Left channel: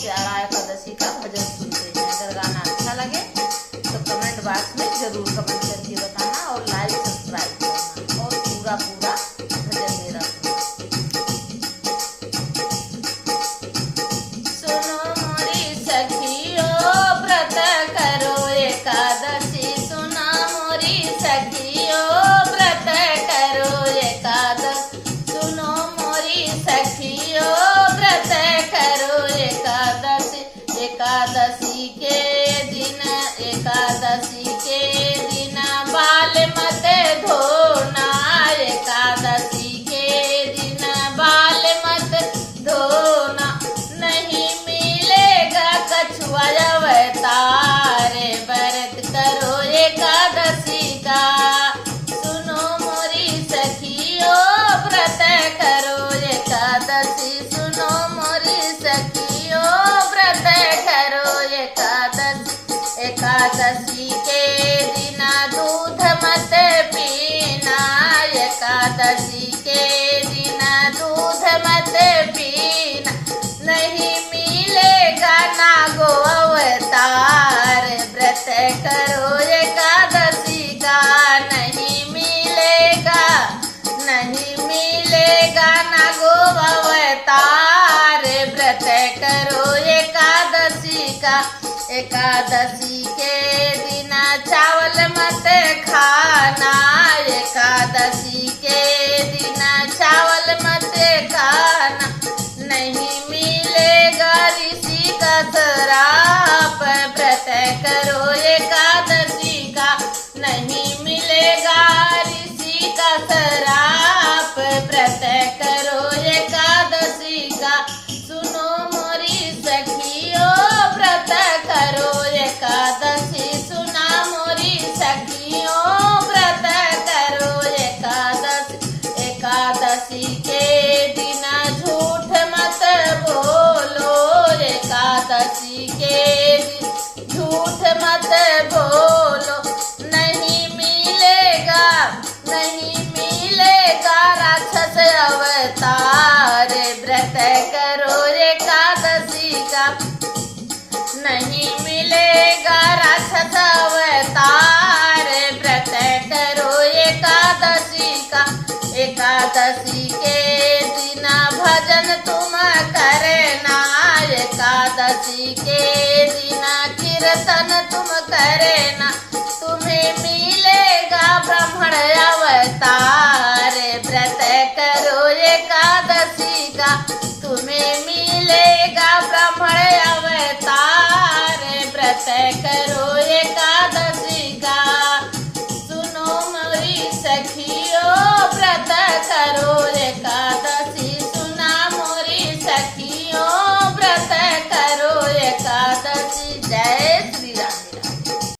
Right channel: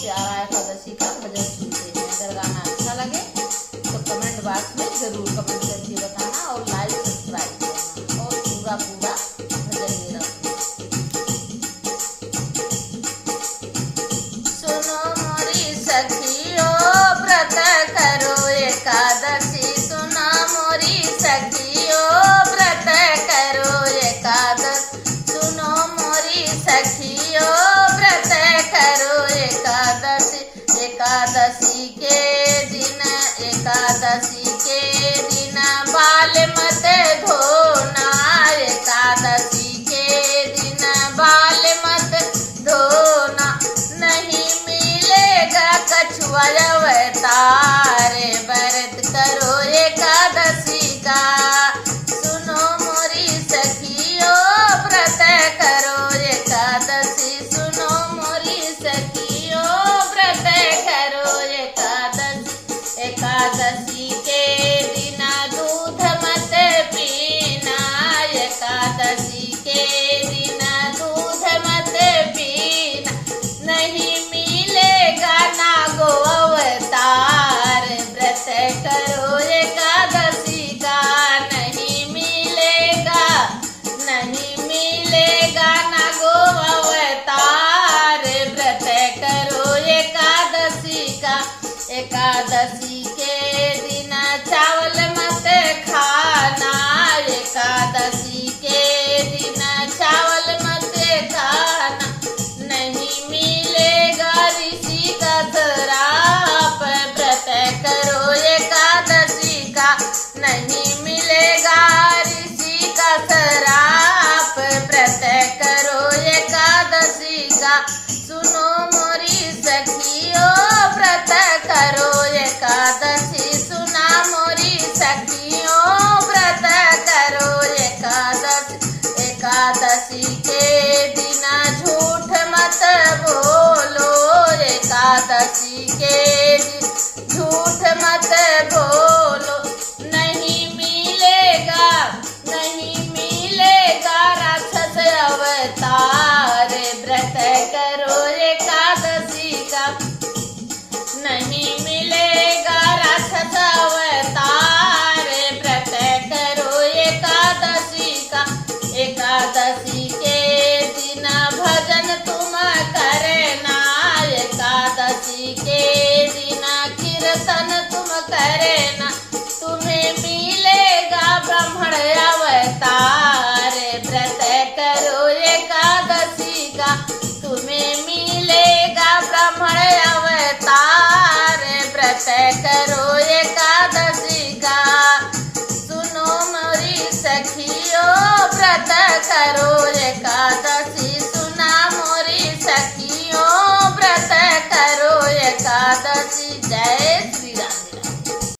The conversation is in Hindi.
प्यारा एकादशी का भजन सुनते हैं। अगर गाना अच्छा लगे तो कमेंट बॉक्स में जरूर कमेंट करके बताना और लाइक सब्सक्राइब करना और पूरा भजन में रखना। सुनो मोरी सखियो व्रत करो एकादशी, सुना मोरी सखियो व्रत करो एकादशी, सुनो मोरी सखियो व्रत करो एकादशी। एकादशी के दिन, एकादशी के दिन बाल मत धोना, एकादशी के दिन बाल मत धोना, नहीं मिलेगा कछुआ अवतार, व्रत करो एकादशी का। सुनो मोरी सखियो व्रत करो एकादशी, सुनो मोरी सखियो व्रत करो एकादशी। एकादशी के दिन दूध मत पीना, एकादशी के दिन दूध मत पीना, नहीं मिलेगा नागो अवतार, व्रत करो एकादशी का। नहीं मिलेगा, नहीं मिलेगा नागो अवतार, व्रत करो एकादशी का। एकादशी के दिन चावल मत खाना, एकादशी के दिन चावल मत खाना, नहीं मिलेगा ऋषि का श्राप, व्रत करो एकादशी का। नहीं मिलेगा ऋषि का श्राप, व्रत करो एकादशी का। सुनो मोरी सखियो व्रत करो एकादशी, सुना मोरी सखियो व्रत करो एकादशी। एकादशी के दिन झूठ मत बोलो, एकादशी के दिन झूठ मत बोलो, नहीं मिलेगा, नहीं मिलेगा राक्षस अवतार, व्रत करो एकादशी का। नहीं मिलेगा राक्षस अवतार, व्रत करो एकादशी का। एकादशी के दिन भजन तुम करना, एकादशी के दिन कीर्तन तुम करना, तुम्हें मिलेगा ब्राह्मण अवतार, व्रत करो एकादशी का। तुम्हें मिलेगा ब्राह्मण अवतार, व्रत करो एकादशी का। सुनो मोरी सखियो व्रत करो